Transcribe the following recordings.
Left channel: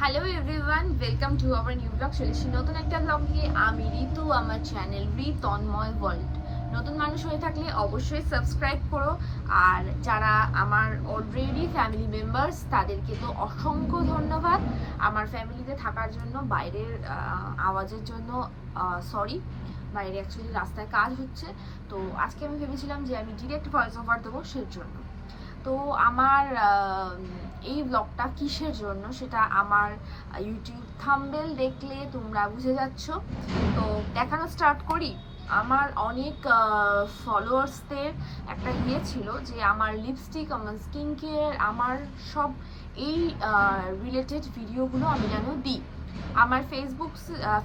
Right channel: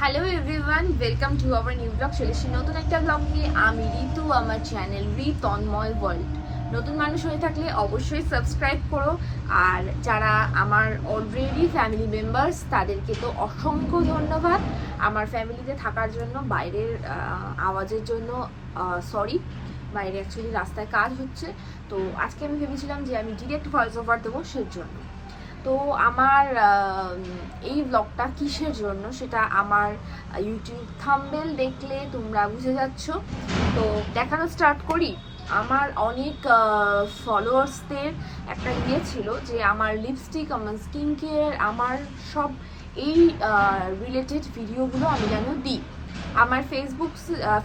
Hello everyone, welcome to our new blog. চলে এসেছি নতুন একটা ব্লগ নিয়ে। আমি ঋতু, আমার চ্যানেল তন্ময় ওয়ার্ল্ড। নতুন মানুষ হয়ে থাকলে অবশ্যই সাবস্ক্রাইব করো, আর যারা আমার অলরেডি ফ্যামিলি মেম্বার্স তাদেরকে তো অসংখ্য ধন্যবাদ আমার ফ্যামিলিতে থাকার জন্য। বাইরের আওয়াজের জন্য সরি, বাইরে অ্যাকচুয়ালি রাস্তায় কাজ হচ্ছে। তো আজকে আমি ভেবেছিলাম যে আমি ডিরেক্ট ভয়েস ওভার দেবো সেই জন্য। তো আমার এই ব্লগটা কিসের জন্য সেটা আমার ইউটিউব থাম্বনেল দেখলে তোমরা বুঝে যাচ্ছ। তো দেখানো স্টার্ট করি। আমার অনেক ফলোয়ার্সদের একটা ছিল যে আমার লিপস্টিক, আমার স্কিন কেয়ার, আমার সব এই রিলেটেড ভিডিওগুলো আমি যেন দিই। আমার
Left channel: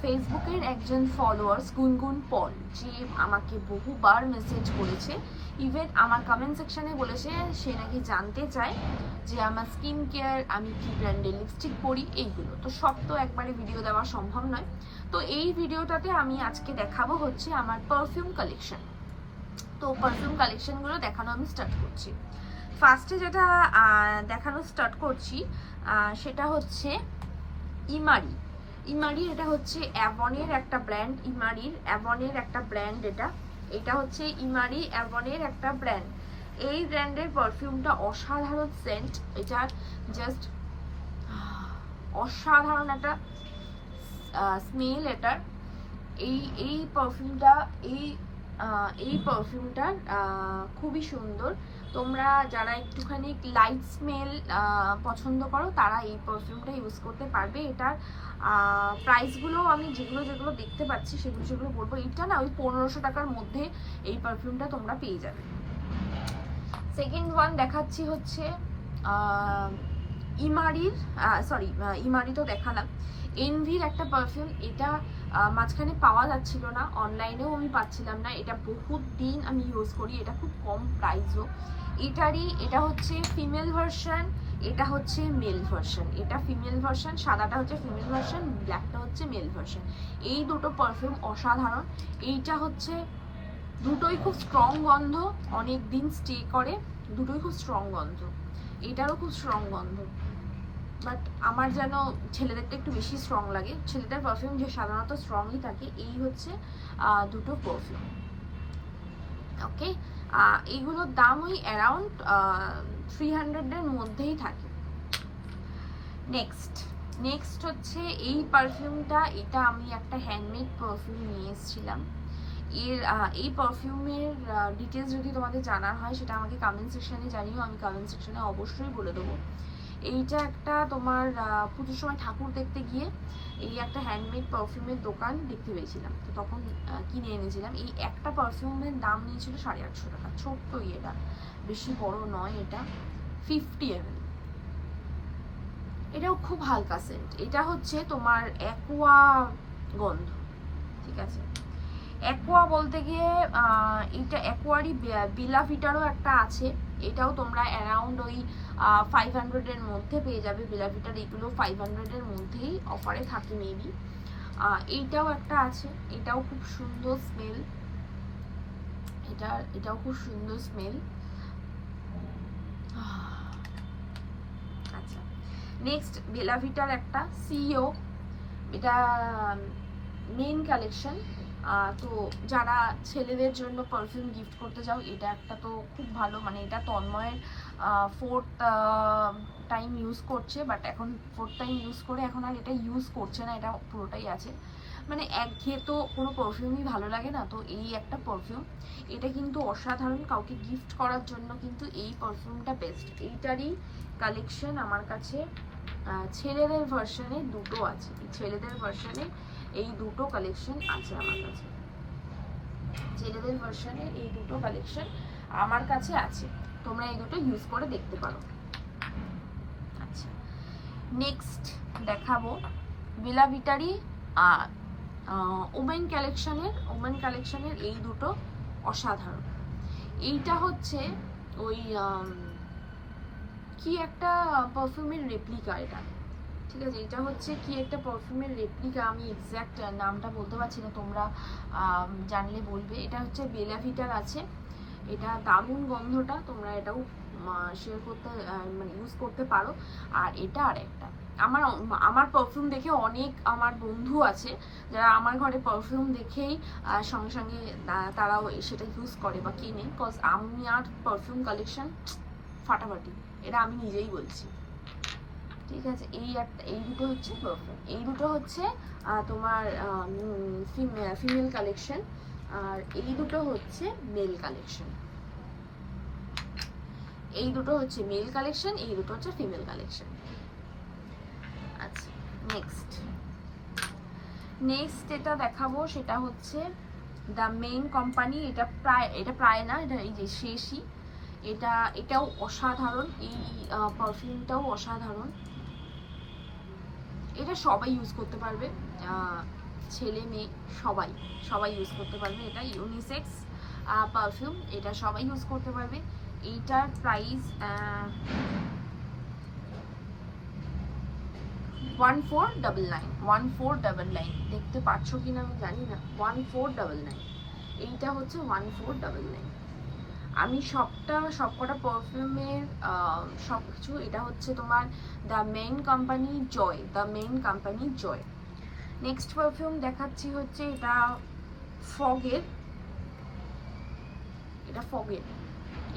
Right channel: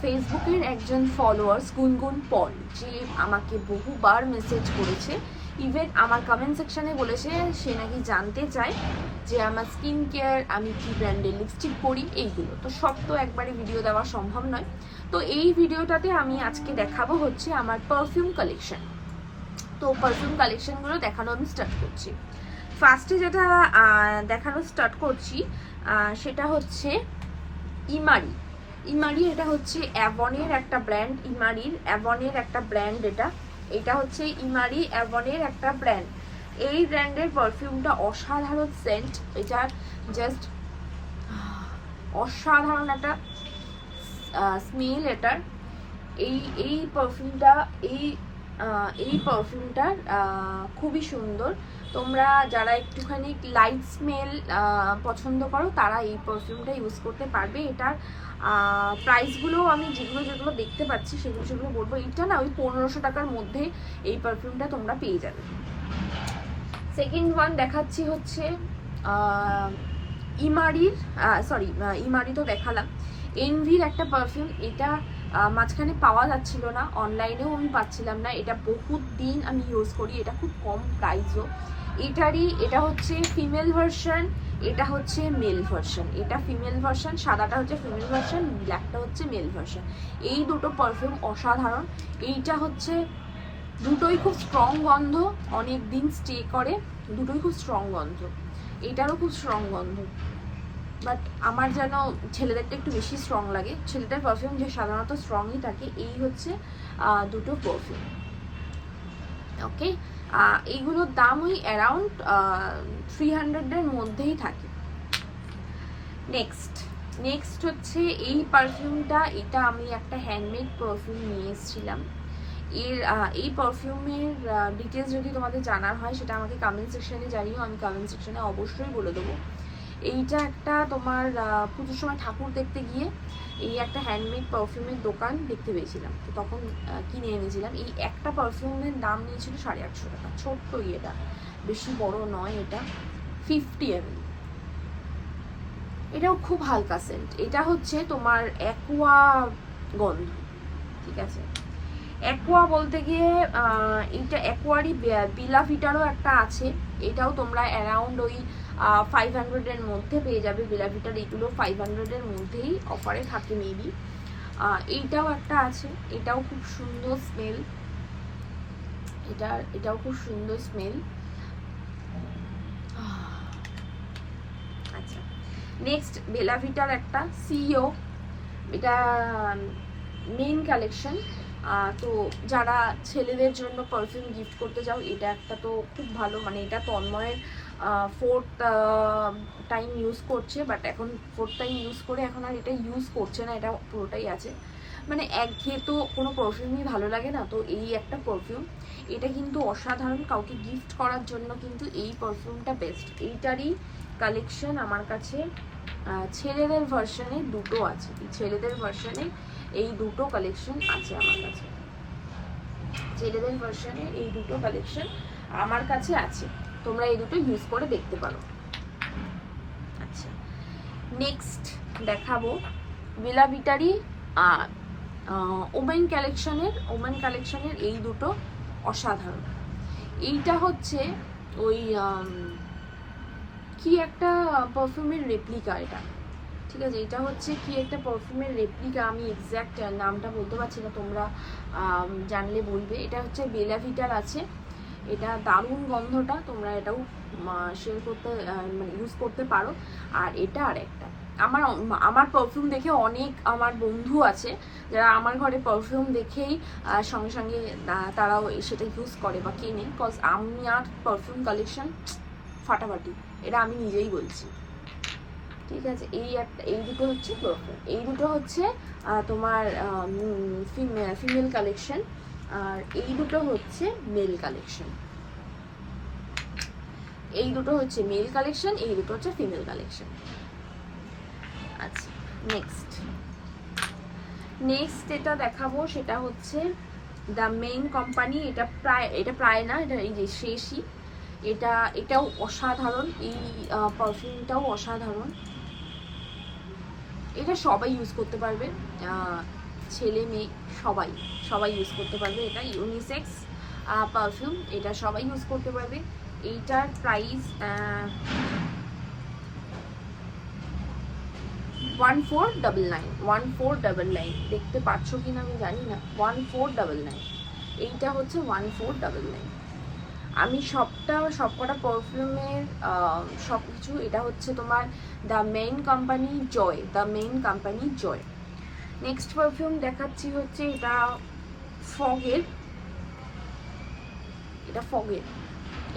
ফেসবুকের একজন ফলোয়ার্স গুনগুন পল, যে আমাকে বহুবার মেসেজ করেছে, ইভেন আমার কমেন্ট সেকশনে বলেছে সে নাকি জানতে চায় যে আমার স্কিন কেয়ার, আমি কি ব্র্যান্ডের লিপস্টিক পরি, এইগুলো তো সব তো একবারে ভিডিও দেওয়া সম্ভব নয়। তো এই ভিডিওটাতে আমি আজকে দেখাবো হচ্ছে আমার পারফিউম কালেকশন। তো পারফিউম কালেকশনগুলো দেখানো আমি স্টার্ট করছি। ফার্স্টে যেটা দেখানো স্টার্ট করছি সেটা হচ্ছে ইমারি। ইমারি এটা হচ্ছে অ্যাভনের একটা ব্র্যান্ড। ইমারির অ্যাভনের একটা ব্র্যান্ড এটা হচ্ছে ইমারি অ্যাভনের একটা ব্র্যান্ড। এই ব্র্যান্ডের পারফিউমটা অসাধারণ সেন্ট। এটা জাস্ট অসাধারণ একটা স্মেল এটার। এই এই পারফিউমটা এই পারফিউমটার খুবই সুন্দর। তোমরা যারা একটুখানি লাইট স্মেল পছন্দ করো তারা এই পারফিউমটা ইউজ করতে পারবে। এটার প্রাইসগুলো আমি যেগুলো দেখতে পাচ্ছি সেগুলো বলবো। এটা না ওই 1500 টাকার মধ্যে এই পারফিউমটা তোমরা পেয়ে যাবে। সেকেন্ড ওয়ান দেখাচ্ছি হচ্ছে ইমারির ইমারি তো দেখালাম। এনভির একটা পারফিউম। এটা মাঝখানে পাওয়া যাচ্ছিল না, অনলাইনেও আমি পাচ্ছিলাম না। এটা বহুত দিন আমি ইউজ করি, এটা খুব কম প্রাইসও। এটা হচ্ছে ফিমেল ভার্সন, এটা হচ্ছে মেল ভার্সন। এটা ফিমেল ভার্সন, সাদাটা হচ্ছে ফিমেল ভার্সন, ব্ল্যাকটা হচ্ছে মেল ভার্সন। এই দুটো পারফিউম অসাধারণ। এইটা হচ্ছে দুটোই খুব স্ট্রং গন্ধ, অনেক দিন স্টে করে, দুটোই খুব স্ট্রং গন্ধ। এটারও খুব স্ট্রং গন্ধ, বাট আমার যেন ছেলেদেরটা একটু বেশি স্ট্রং লাগে। ছেলেদের পারফিউম যে সাধারণত স্ট্রংই থাকে। এই হচ্ছে দুটো পারফিউম। ওকে, এইগুলোর দাম ওই অ্যারাউন্ড 300-এর মধ্যেই থাকে। নেক্সট হচ্ছে এই পারফিউমটা। এটা আমি একটা হ্যান্ডমেড পারফিউম নিয়ে এসেছিলাম। এই পারফিউমের ডিটেলস যদি তোমাদের জানার হয় সেটা আমাকে কমেন্ট সেকশনে জানিও, আমি কমেন্ট সেকশনে অবশ্যই বলে দেবো। এইটা একটা তোমার পুজোর সময় ঠাকুর দেখতে গিয়ে এই একটা হ্যান্ডমেড পারফিউমের দোকান দেখতে পেয়েছিলাম, তো তখন কিনে এনেছিলাম। এই একটা পারফিউমের দাম নিয়েছিল 850 টাকা। ছোট্ট এটা, বেশি বড় নয়। এটা 50 ml। এটাও খুব হালকা সেন্ট। এটা হচ্ছে তোমার অ্যাকোয়া গন্ধ, ঠিক আছে। অ্যাকোয়া বলতে গিয়ে এইটা অ্যাকোয়ারই বিলাভিটারও একটা আছে। এটাও তোমরা অ্যারাউন্ড ওই 500-এর মধ্যে পেয়ে যাবে। বিলাভিটার এইগুলো 500-এর মধ্যেই অফারে থাকে মেবি। এইটাও একটা আছে, এটাও খুব সুন্দর স্মেল। এটাও খুব সুন্দর স্মেল। আচ্ছা, নেক্সট বেলাভিটার একটা সিও, এটা মেইন কালেকশন। তো যারা ছেলেদের জন্য পারফিউম গিফট করতে যাও, এটা একটা তো খুব ভালো। মানে এটা তন্ময়ের 4th টাইম ইউজ করছে, বাট এখন 4th টাইম ইউজ করে এখন আর এটা ইউজ করছে না, এটা পুরোটাই আছে। মানে একঘেয়ে তো কোনো পারফিউমই ভালো লাগে না, তো এই একটা পারফিউম। এটা কিন্তু অসাধারণ, কাউকে গিফট করার জন্য কিন্তু এই পারফিউমটা বেস্ট। এইটারই কালেকশন আমার কাছে ছেলেদের ভার্সনে দুটো আছে। ছেলেদের ভার্সনে এই দুটো কালেকশন আছে আমার কাছে। ছেলেদের ভার্সনে এই দুটো কালেকশন আমার কাছে আছে, তোমরা এই দুটো ইউজ করে দেখতে পারো। আচ্ছা, নেক্সট দেখাবো বেলাভিটারই ওমেন কালেকশনের এই দুটো অসাধারণ। এইটা হচ্ছে ওই কি একটা পারফিউমের রেপ্লিকা এটা, ঠিক আছে। এটা হচ্ছে কি একটা পারফিউমের রেপ্লিকা, আমি এক্স্যাক্ট নামটা বলতে পারছি না, তোমরা জানলে বলবে। এটা হচ্ছে বেলাভিটার আছে। এটা দারুণ গন্ধটা, তোমরা এটাও শেয়ার করতে মানে ইউজ করতে পারো। আর এটা আর একটা, আমার পারফিউম দেখে অনেক আমার বন্ধু আছে যারা আমার ঘরে পারফিউম দেখেই সঙ্গে সঙ্গে তারাও সেটা ইউজ করে বা কেনে, বিকজ আমি আর পারফিউম কালেকশন ফাটাফাটি, এটা আমি নিজেই বলছি। ঠিক আছে, এই দুটো হচ্ছে পারফিউম, এই দুটো হচ্ছে তোমার ফিমেল কালেকশন, আর এই দুটো হচ্ছে মেল কালেকশন। এই দুটো হচ্ছে মেল কালেকশন, এই দুটো হচ্ছে ফিমেল কালেকশন। আচ্ছা, নেক্সট এটা দেখাবো, সেটা হচ্ছে দ্য মেইন কোম্পানি। এটা প্রায় না, এটা এই যে শেষই। এটাও অসাধারণ, এই পারফিউমটাও অসাধারণ। এটা সবাই ইউজ করতে পারবে, ছেলে মেয়ে সবাই ইউজ করতে পারবে। এটা ইউনিসেক্স পারফিউম, এটা সবাই ইউজ করতে পারবে। এইটার প্রাইস 1499। দেখতে পাচ্ছ কিনা আমি জানি না, 1499। এইটা হচ্ছে 1499। আমি সবকটা পারফিউমের সব কিছু, এটা হচ্ছে তোমার the main company Joy. Next perfume দেখাচ্ছি হচ্ছে এটা ফগের।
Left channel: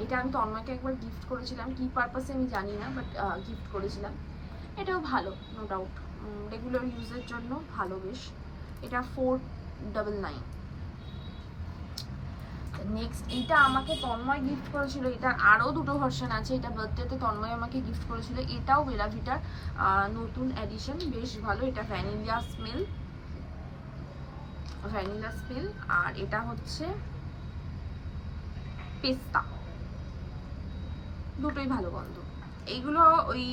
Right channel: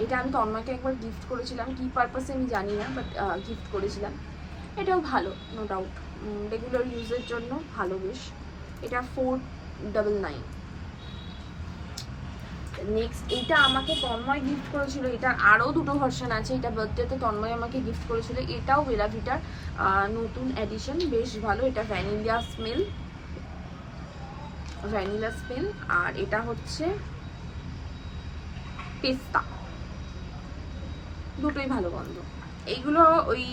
এটা আমি তন্ময়কে একবার গিফট করেছিলাম, কি পারপাসে আমি জানি না, বাট গিফট করেছিলাম। এটাও ভালো, নো ডাউট, রেগুলার ইউজের জন্য ভালো বেশ। এটা 499। নেক্সট এইটা আমাকে তন্ময় গিফট করেছিল, এটা আরও দুটো ভার্সন আছে। এটা বার্থডেতে তন্ময় আমাকে গিফট করেছিল। এটাও বেলা ভিটার নতুন এডিশন, বেশ ভালো। এটা ভ্যানিলা স্মেল, আর এটা হচ্ছে পেস্তা। দুটোই ভালো গন্ধ। এইগুলো ওই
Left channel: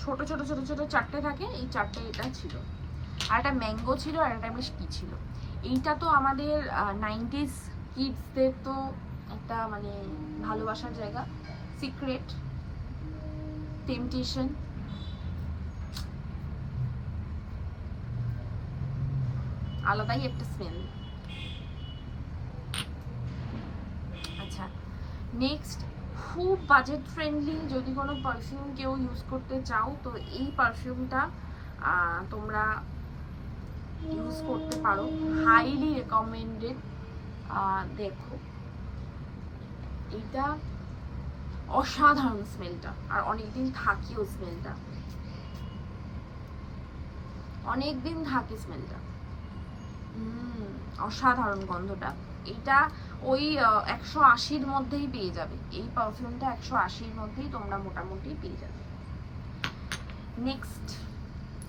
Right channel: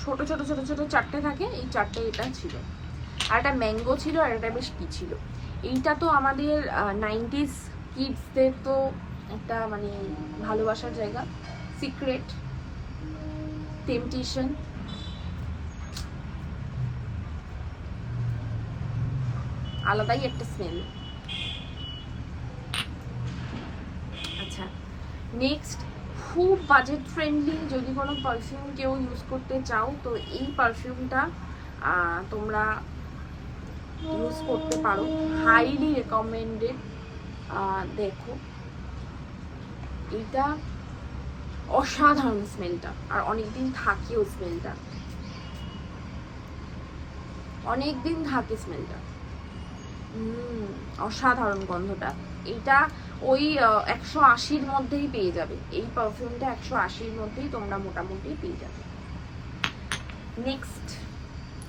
ছোট ছোট ছোট ছোট চারটে থাকে, এই চারটে এটা ছিল। আর একটা ম্যাঙ্গো ছিল, আর এটা বেশ কি ছিল। এইটা তো আমাদের 90s কিডসদের তো একটা মানে ভালোবাসার জায়গা, সিক্রেট টেম্পটেশন। আলাদাই একটা স্মেল। আচ্ছা, নেক্সট খুব বাজেট ফ্রেন্ডলি যদি কোনো পারফিউম কেউ ইউজ করতে চাও, তো এই পারফিউমটা তোমরা ইউজ করতে পারো, হাইলি রেকমেন্ডেড। দেখো, এটা অসাধারণ স্মেলটা, আর অনেকদিন থাকেও স্মেলটা, অনেকদিন থাকে স্মেলটা। অসাধারণ গন্ধটা। এটা ওই 180-র মধ্যেই পেয়ে যাবে, এই পারফিউমটা 180-র মধ্যেই তোমরা মোটামুটি পেয়ে যাবে। নেক্সট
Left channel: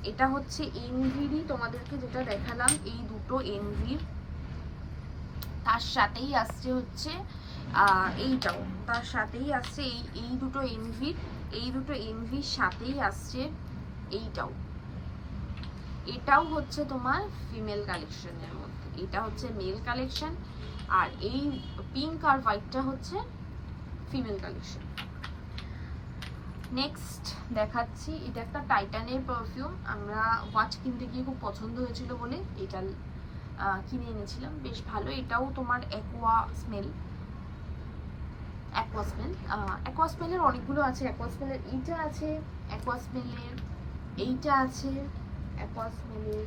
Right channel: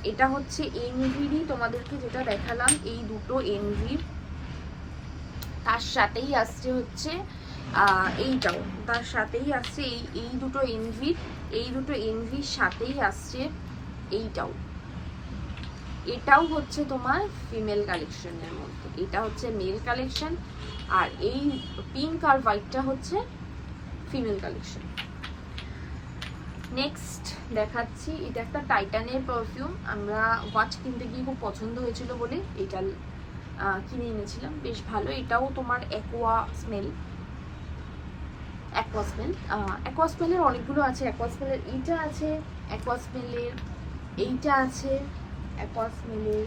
এটা হচ্ছে এনভিরই, তোমাদেরকে যেটা দেখালাম এই দুটো এনভির, তার সাথেই আসছে হচ্ছে এইটাও, তার সাথেই আসছে এই দুটো এনভির সাথেই আসছে এইটাও। এটাও হচ্ছে তোমার ফিমেল কালেকশনের মধ্যে, এটা হচ্ছে মেল কালেকশন, আর এই পিঙ্ক আর হোয়াইটটা হচ্ছে ফিমেল কালেকশন। নেক্সট দেখাচ্ছি, এটা একটা টাইটানের পারফিউম। আমরা ওয়াচ কিনতে গিয়ে খুব পছন্দ হয়েছিল বলে এটা কিনে এনেছিলাম, বেশ ভালো। এটাও তোমার অ্যাকোয়া স্মেলের অনেকগুলো আছে। অ্যাকোয়া স্মেলের এইটা আছে, অ্যাকোয়া স্মেলের এইটা আছে, অ্যাকোয়া স্মেলের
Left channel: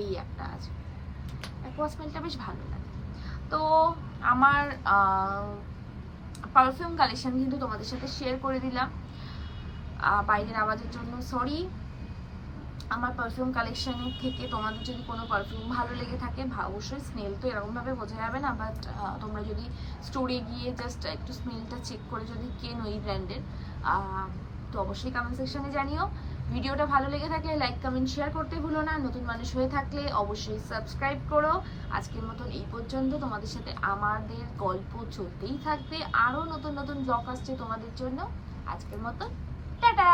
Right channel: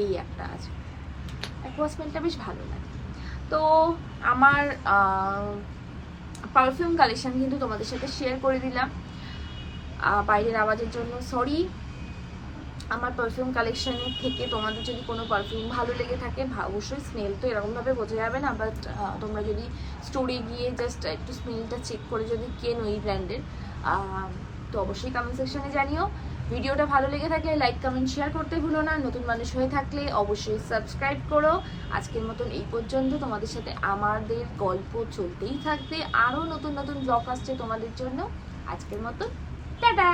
এই একটা আছে। অ্যাকোয়া স্মেলটা বেশ ভালো লাগে। তো আমার পারফিউম কালেকশন কিন্তু তোমাদের সাথে শেয়ার করে দিলাম। বাইরের আওয়াজের জন্য সরি। আমার পারফিউম কালেকশনের থেকে তোমাদের যদি কোনো পারফিউম ভালো লেগে থাকে, অবশ্যই স্মেল তো এরকমভাবে বোঝা যাবে না, বাট তোমরা যদি স্টোরে গিয়ে জাস্ট একটু স্মেলটা চেক করে যদি কেনো এই ব্র্যান্ডের, তো অবশ্যই কমেন্ট সেকশনে জানিও। ভিডিওটা ভালো লেগে থাকলে লাইক কমেন্ট শেয়ার করতে ভুলো না। নতুন মানুষ হয়ে থাকলে অবশ্যই সাবস্ক্রাইব করো। আজকের মতন এই পর্যন্ত। তোমাদের সাথে আমাদের গল্প চলতেই থাকবে, আরও নতুন নতুন ব্লগ আসছে তোমাদের জন্য। আজকের মতন টাটা।